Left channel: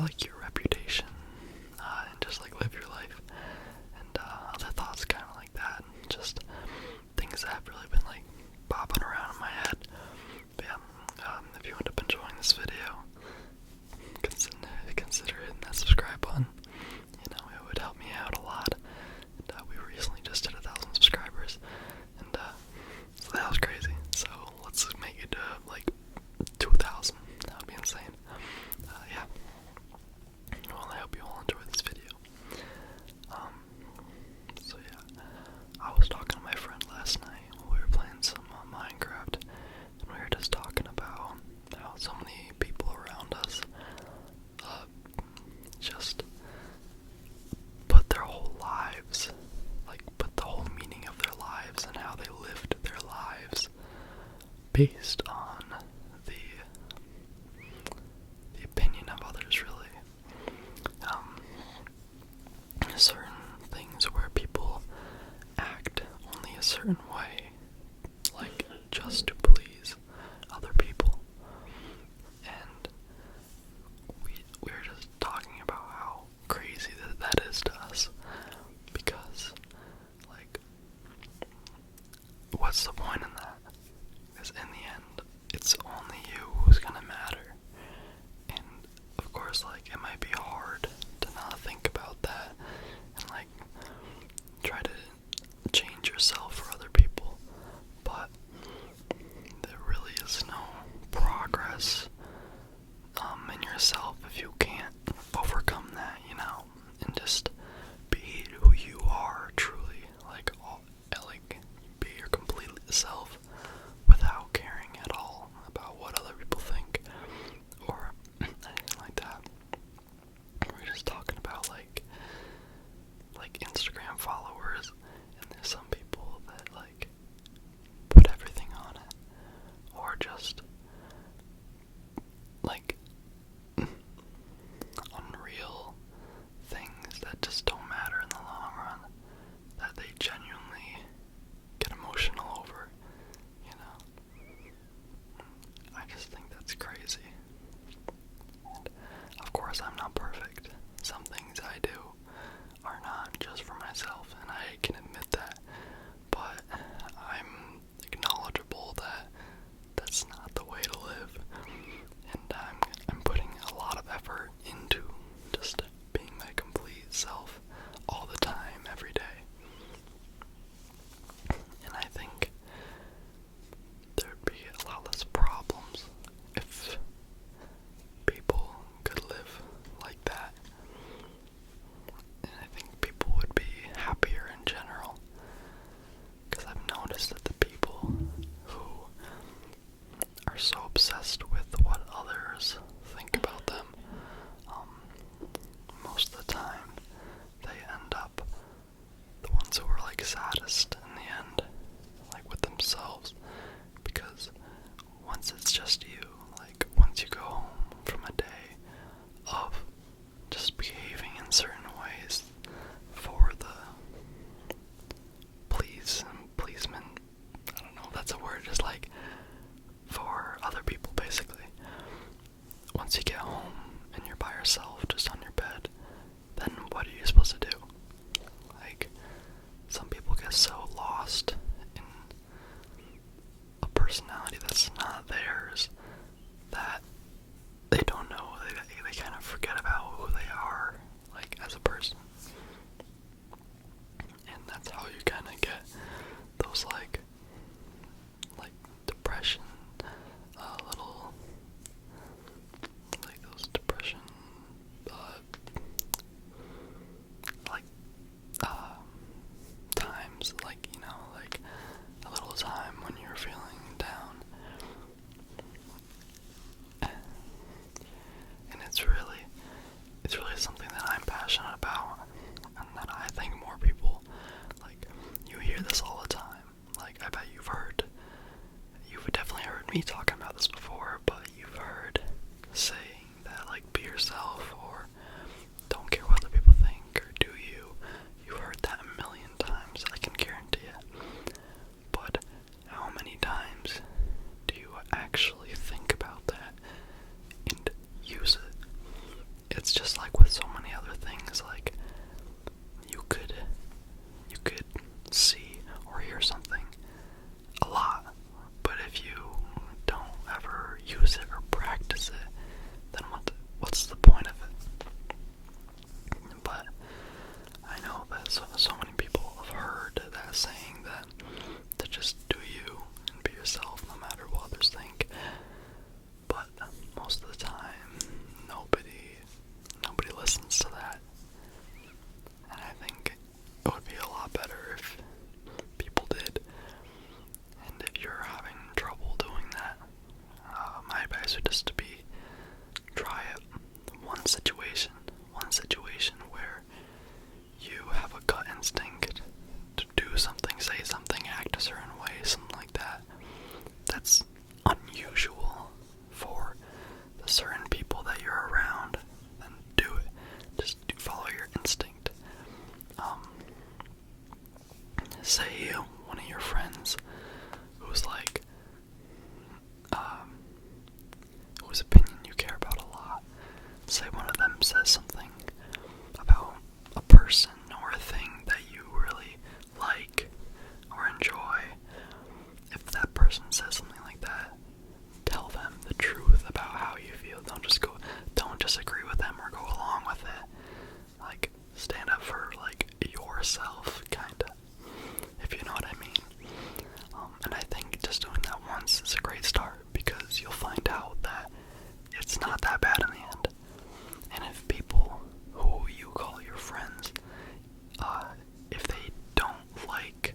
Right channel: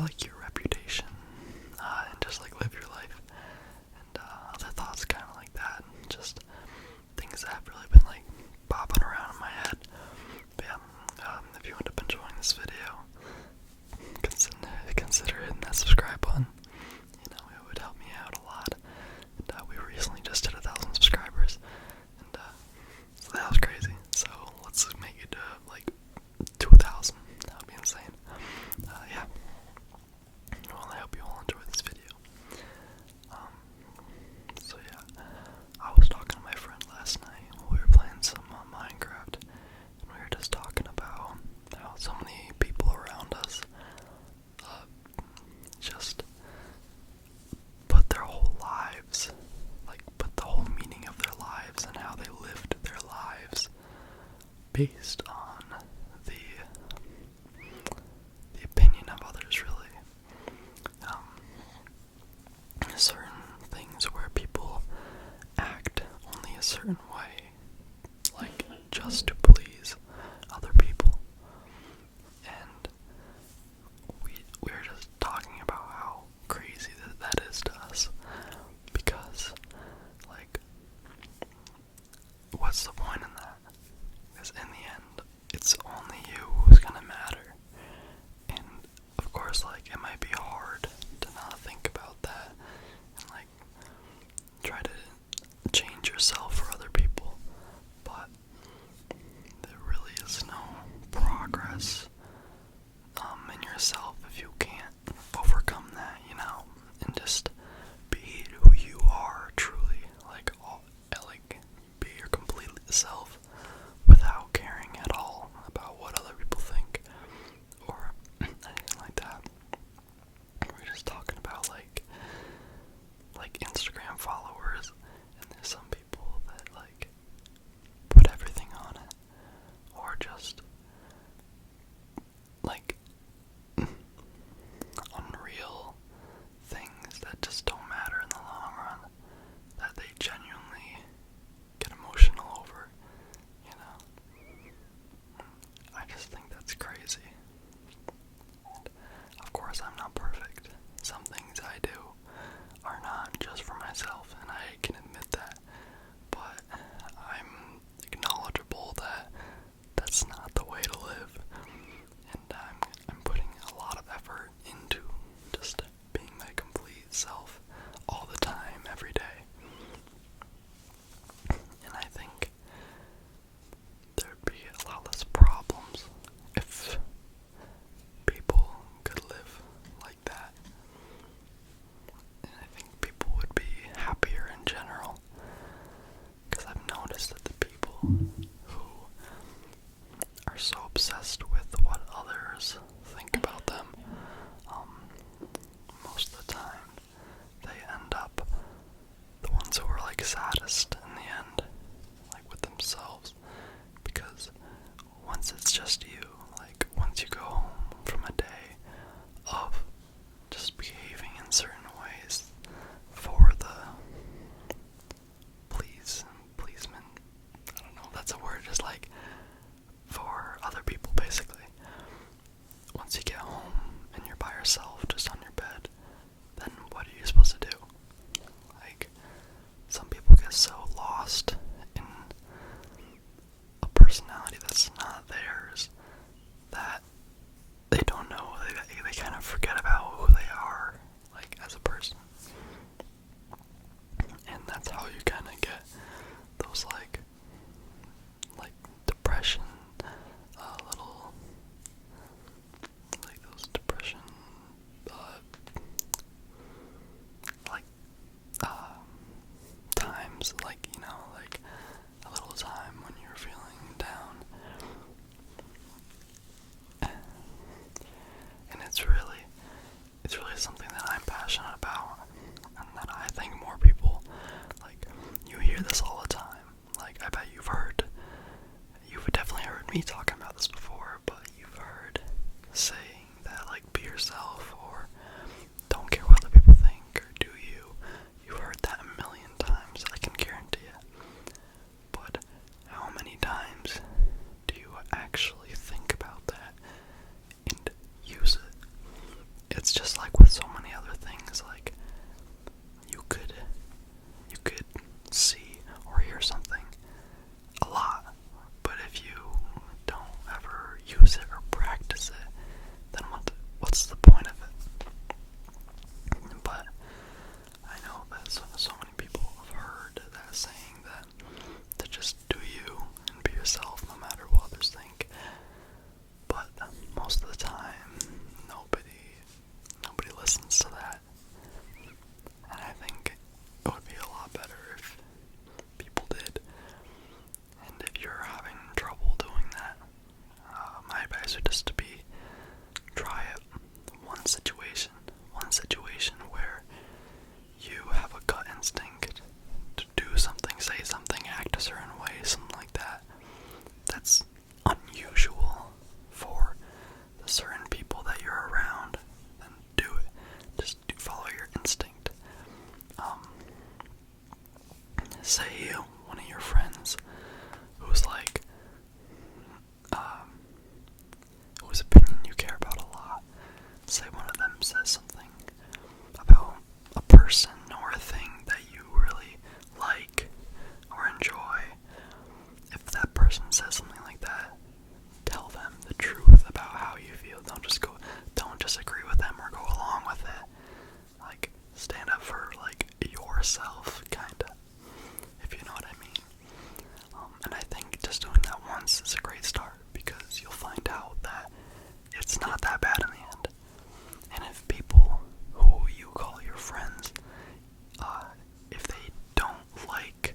like your reputation, and just like live your life, and other thoughts kind of like that, just things that have really been like bopping around in my head. But yeah, if you end up enjoying this video, consider hitting that subscribe button. You know, it would help me out a lot. And we recently just hit 1,000 subscribers, and so that was crazy. So let's make it like 2,000. That would be insane. Yeah. Well, I hope you all enjoyed this video. So yeah, I was talking to my friend last night. We were playing some Minecraft, and we were just talking about how so many people around us just put their whole lives, like put the whole meaning of their lives and how they lived their lives based on the opinion of others, really. Certain things where people act only a certain way, like just to please other people. And we were just talking about how crazy that is to us, because like, what's the point in that? Because in the end, it's only you who's gonna matter. And of course, like, it might be hard to not think about that and like try to change yourself for other people, but there really is no progress in yourself if you can't overcome that, you know, and just be who you are truly, like be your complete self without caring at all about what other people think or anything like that. We're just talking about like Instagram followers, and there's some people that like put everything on it, or just like unreal things that just don't matter in the long run, that they genuinely get emotional over, you know. I just think that's crazy. And of course, I'm not perfect. Some things I do are not just for myself, and I can admit that, but I'm knowledgeable that that's not the way to live, and I'm putting a lot of effort into just being my complete self all the time, every day. And I think there'd be a lot less problems if people could live like that. And I think people would be happier in general, because I've noticed that the people who are so obsessed with what others think about them, most of the time they end up the ones who are like saddest in the end, like with themselves, because once it's just you, like once you go home from a day of just behaving in certain ways for the pleasement, I don't know if that's a word, just like for other people basically. Once you get home and you're by yourself, just on your bed, then what are you supposed to do? Like, some people get so lost in a personality that's not theirs that they don't know, they kind of forget about who they are, like, as a person. And that's how you kind of get those like depression, little, like those depression, times, like, you know, like a little time when you're feeling down. And it's really something that I'm passionate about, and that I think more people, like, you hear this all the time. Like, I bet you've definitely heard me talking about this before, but you've heard saying that, like, be yourself, or don't care what other people think, or do you. You've heard that a million times, I can guarantee it. But how many times do you actually think about that and use it? It's use it or practice it, then what's the point of it? But I know that so many people have heard that saying, that to just do you and be yourself no matter what others think. But most of the time, nobody listens to that. And I think it would be a lot better if people did. And if you're having trouble doing that, my advice would just to be, try it. One situation where you have a gut instinct to do something, say something, act a certain way, something like that. That's unusual for the certain people that you're around. Then do it. Just follow your instinct. Say one of your friends who's like, whose opinion you care about a lot, say one of them says something about a person or a thing that you really like or enjoy. If that person says something like that, tell them the truth about how you feel. Don't just agree with them or go along with it. Like, stand up for, like, yourself, kinda, if you know what I mean. And I think just doing that once is a great start, because you'll find out that it's not that bad in the end. And if people who you call your friends, if they don't like,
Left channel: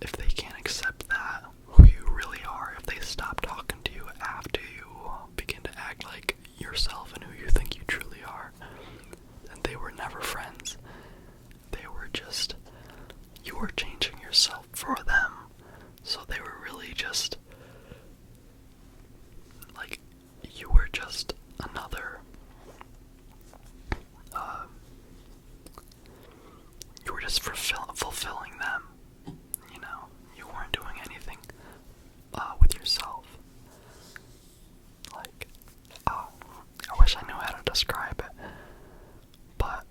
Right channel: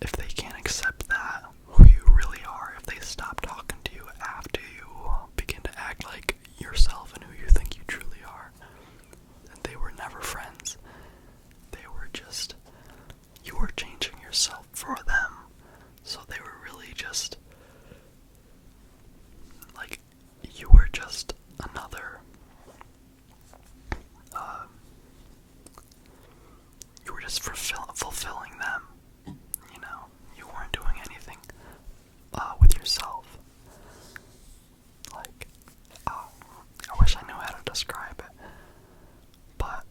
if they can't accept that, who you really are, if they stop talking to you after you begin to act like yourself and who you think you truly are, then they were never friends. They were just, you were changing yourself for them. So they were really just, like, you were just another, you were just fulfilling them, you know? You weren't doing anything, with yourself. Like, I wish I knew how to describe it, but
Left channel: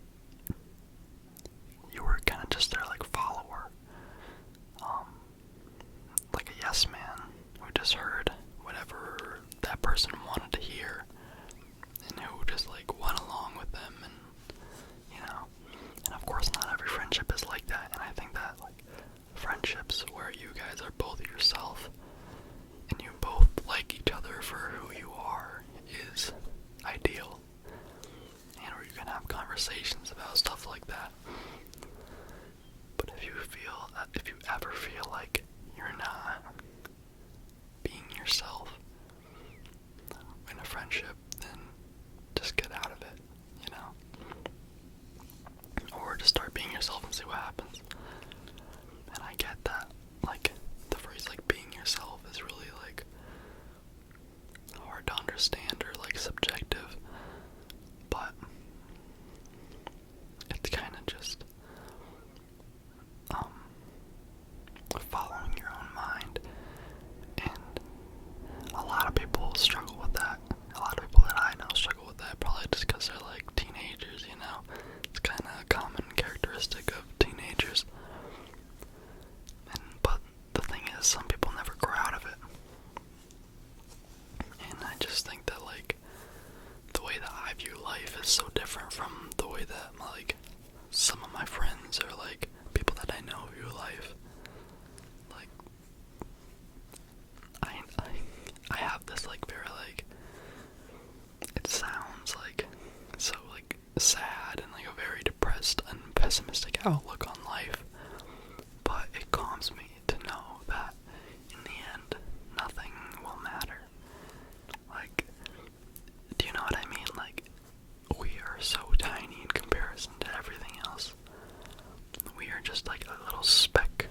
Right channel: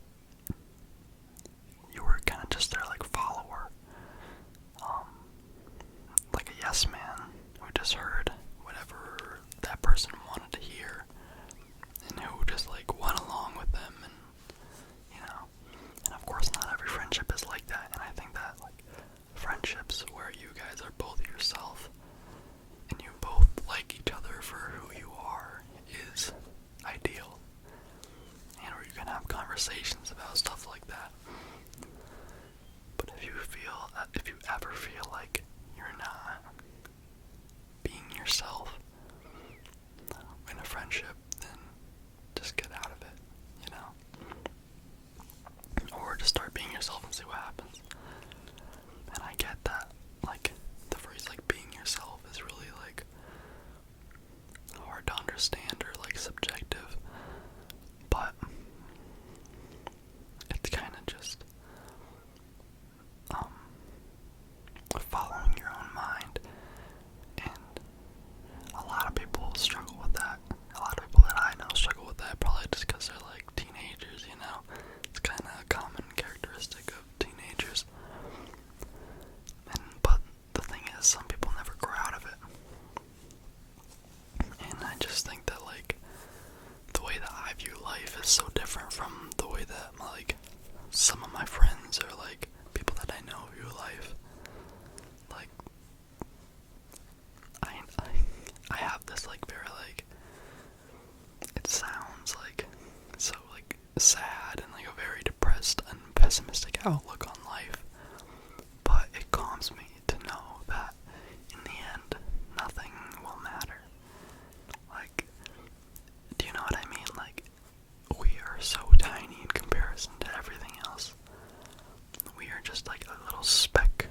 you were kind of just their, like, follower, like a yes man who just heard whatever that person wanted to hear, and who just, like, went along with them, and, you know, and of course not every friendship is like that, and I think that, like, friendships where you guys are both yourself, and you both like each other for who you are, is ideal, and where you can have conversations about stuff like that. But if you ever feel like you're not being yourself in a friendship, then just get out of it, you know? Or just start being yourself and see what happens. And I get that, like, the phrase, like, being yourself is really, like, hard to understand or, like, subjective, but it's kind of just, following your own mind, and a lot of people struggle with that. A lot of people that I know struggle with that, probably just because they're, like, teenagers, you know? It's kind of a common characteristic of teenagers. But the thing is, some people never grow out of it. And I just think that, like, the way that I view life is so different from the way that, like, some of my friends or, like, people that I know view life. Like, I have this, like, very, like, it sounds like so, like, sad and, like, a very depressed and pessimistic outlook on life, but it calms me to know that in the end nothing will matter. Like, do you know what I mean? Like, we are so tiny in comparison to everything else. We are just like a little speck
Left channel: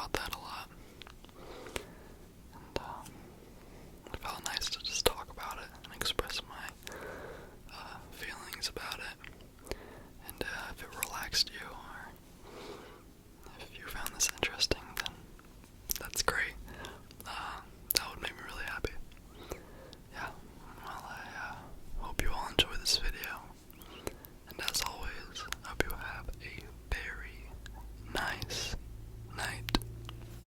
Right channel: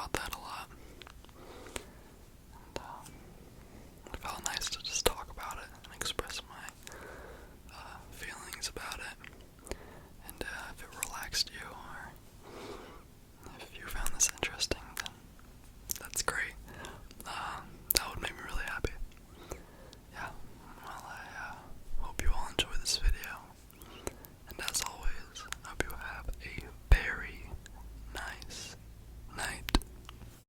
about that a